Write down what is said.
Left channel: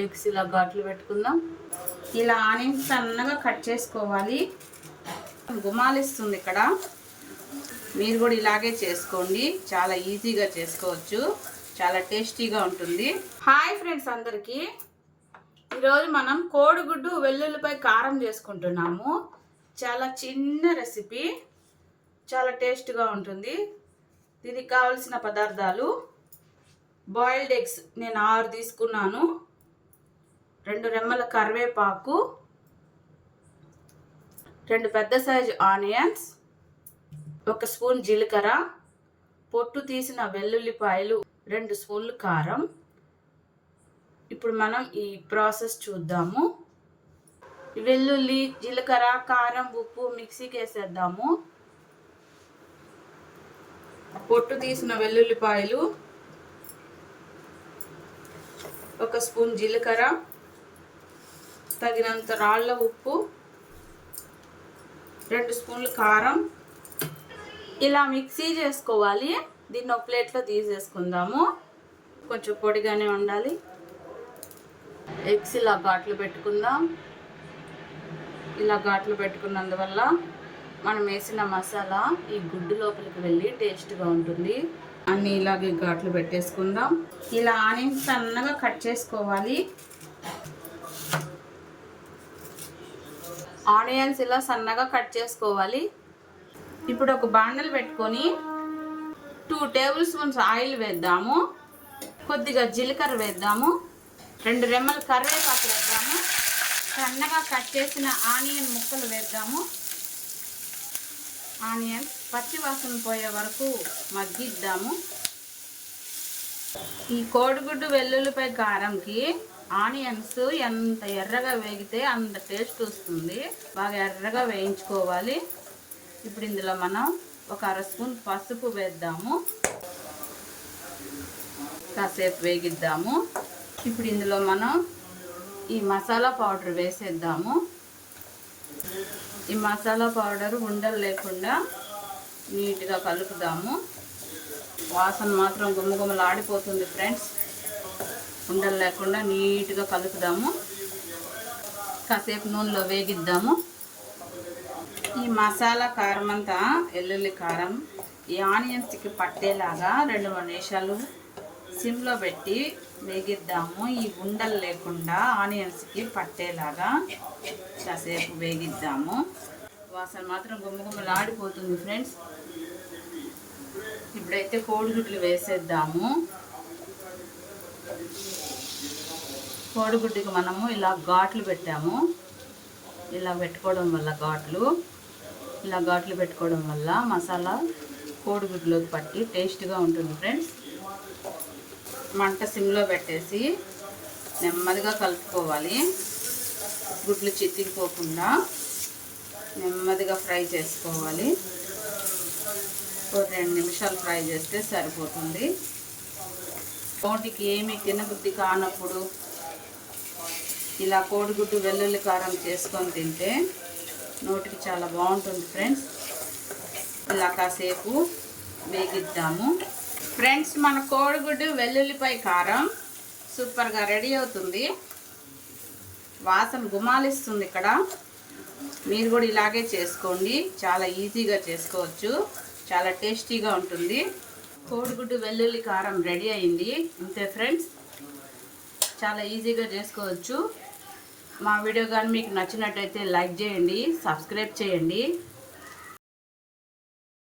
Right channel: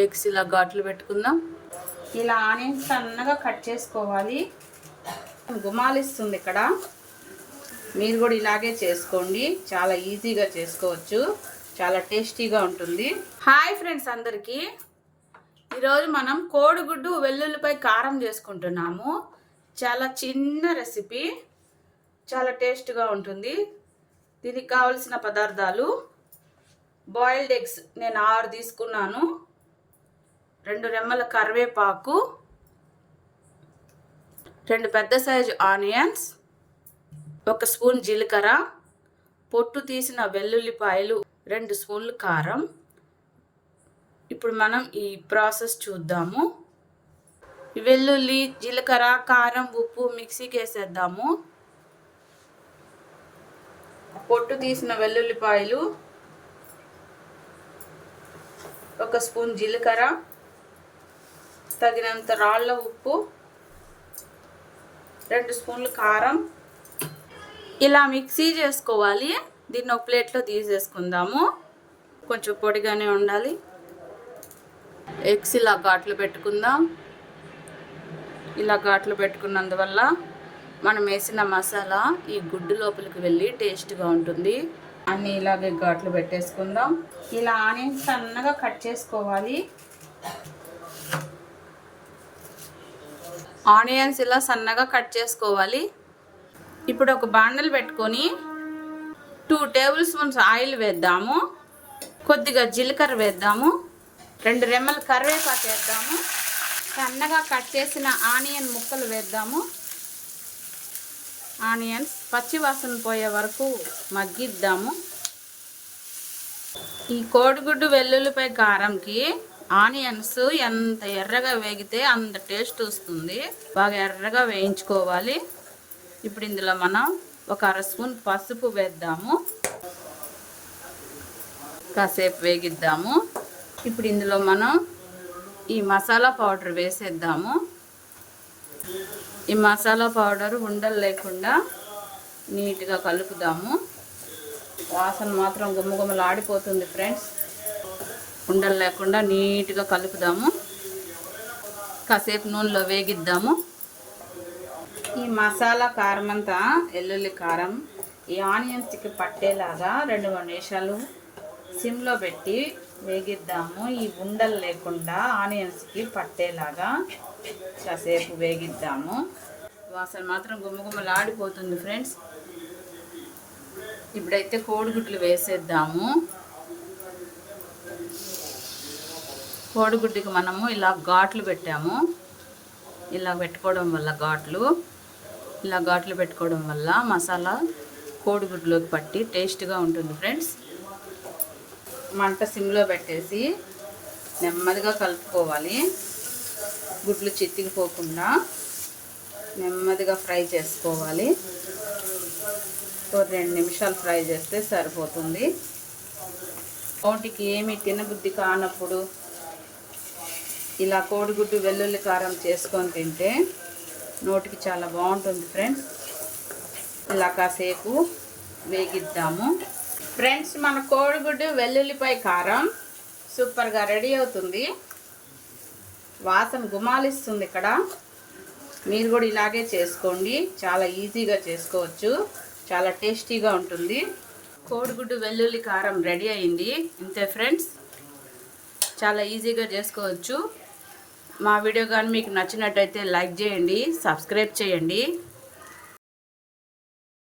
Eggs ఇలా ఘాట్లు పెట్టుకుందాం. ఇలా ఆనియన్స్ సన్నగా కట్ చేసుకోవాలి. గుమాలిస్తుంది ఇక్కడ. మీరు కూడా ఇలాగే చేసుకోండి, చాలా ఈజీగా చేసుకోవచ్చు, చాలా టేస్టీగా ఉంటుంది. హాయ్ ఫ్రెండ్స్ అందరికీ, ఈరోజు మనం కోడిగుడ్డు వెల్లుల్లిపై కారం చేసుకుంటున్నాము. చాలా చిన్న రెసిపీ, చాలా టేస్ట్గా ఉంటుంది. దీనికి కావలసిన పదార్థాలు: బాయిల్డ్ ఎగ్స్ నేను 6 తీసుకున్నాను, 2 రెమ్మల కరివేపాకు, 2 పెద్ద సైజు ఆనియన్స్, 1 స్పూన్ జీలకర్ర, పొట్టు తీసిన వెల్లుల్లిపాయలు, 2 స్పూన్లు కారం. ఇప్పుడు మనం ఈ ప్రాసెస్ చూద్దాము. వెల్లుల్లి, జీలకర్ర, కారం, ఉప్పు మిక్సీకి వేసేద్దాము. పొట్టు తీసిన వెల్లుల్లిపాయలు, 1 స్పూన్ జీలకర్ర, తగినంత రాళ్ళ ఉప్పు, 2 స్పూన్లు కారం. ఇలా మిక్సీ చేసుకోవాలి. దీన్ని ఒక ప్లేట్లో తీసేసుకుందాము. కొంచెం పొడిగానే ఉండాలి. ఎగ్స్ ఇలా ఘాట్లు పెట్టుకుందాం. ఇలా ఘాట్లు పెట్టుకున్నందువల్ల మనం వేసిన మసాలా ఈ గుడ్డు లోపలికి వెళ్ళి టేస్ట్గా ఉంటుంది. అన్నీ ఇలాగే ఘాట్లు పెట్టేసుకుందాం. ఇలా ఆనియన్స్ సన్నగా కట్ చేసుకోవాలి. ఆనియన్స్ ఇలా సన్నగా కట్ చేసుకోవాలి. ఇప్పుడు ఒక బాండలు పెట్టుకొని 2 టేబుల్ స్పూన్స్ ఆయిల్ వేద్దాము. కొద్దిగా జీలకర్ర వేద్దాము. 2 రెమ్మల కరివేపాకు వేద్దాము. సన్నగా కట్ చేసిన ఆనియన్ ముక్కలు వేద్దాము. ఆనియన్స్ పచ్చి వాసన పోయే వరకు మగ్గిద్దాము. ఈ కోడిగుడ్డు వెల్లుల్లిపై కారంకి ఆనియన్స్ ఎంత ఎర్రగా వేగితే అంత టేస్ట్ వస్తుంది. బాగా ఎర్రగా వేయించుకోవాలి. ఇప్పుడు ఇందులో మనం 1 అర స్పూన్ పసుపు వేద్దాము. కాసేపు వేగిద్దాము. ఇప్పుడు ఇందులో మనం ఈ మసాలా పౌడర్ వేసేద్దాము. ఈ మసాలా పౌడర్ ఉండలు లేకుండా నీట్గా కలుపుదాము. వాసన మాత్రం గుమ్మగుమ్మలాడిపోతుంది ఫ్రెండ్స్. ఉండలు లేకుండా నీట్గా కలుపుదాము. కాసేపు నూనెలో వేగిద్దాము. ఈ మసాలా కారం అంతా, వెల్లుల్లి కారం ఈ ఆనియన్స్కి పట్టేలాగా 2-3 నిమిషాలు సిమ్లో పెట్టి వేగిద్దాము. ఈ ఉండలు లేకుండా ఆనియన్స్కి పట్టేలాగా కాసేపు వేగిద్దాము. వాసన మాత్రం గుమ్మగుమ్మలాడిపోతుంది ఫ్రెండ్స్. ఇప్పుడైతే కోడిగుడ్లు వేసేద్దాము. కోడిగుడ్డుకి మనము ఇలా ఘాట్లు పెట్టాము. ఇలా పెట్టుకోవడం వల్ల ఇలా ఘాట్లు పెట్టుకోవడం వల్ల మసాలా కోడిగుడ్లోకి పట్టి టేస్ట్గా ఉంటుంది ఫ్రెండ్స్. మంట సిమ్లో పెట్టేసి నెమ్మదిగా కలుపుకోవాలి. గుడ్లు చితికిపోకుండా నెమ్మదిగా ఫ్రై చేసుకోవాలి. ఒక 2 నిమిషాలు ఫ్రై చేస్తే సరిపోతుంది. నోటికి ఏమి తినబుద్ధి కానప్పుడు ఇలా కోడిగుడ్డు వెల్లుల్లి కారం చేసుకొని తింటే నోటికి చాలా బాగుంటుంది ఫ్రెండ్స్. ఇలా కాసేపు వేగిద్దాము. ఫ్రెండ్స్, మన కోడిగుడ్డు వెల్లుల్లిపై కారం సూపర్గా రెడీ అవుతుంది. వాసన గుమాలిస్తుంది ఇక్కడ. మీరు కూడా ఇలాగే చేసుకోండి, చాలా ఈజీగా చేసుకోవచ్చు, చాలా టేస్టీగా ఉంటుంది. కోడిగుడ్డు వెల్లుల్లి కారం రెడీ అయింది. అంతే ఫ్రెండ్స్, చాలా ఈజీగా చేసుకోవచ్చు. మా వీడియో కానీ మీకు నచ్చినట్టయితే లైక్ చేయండి, సబ్స్క్రైబ్ చేయండి.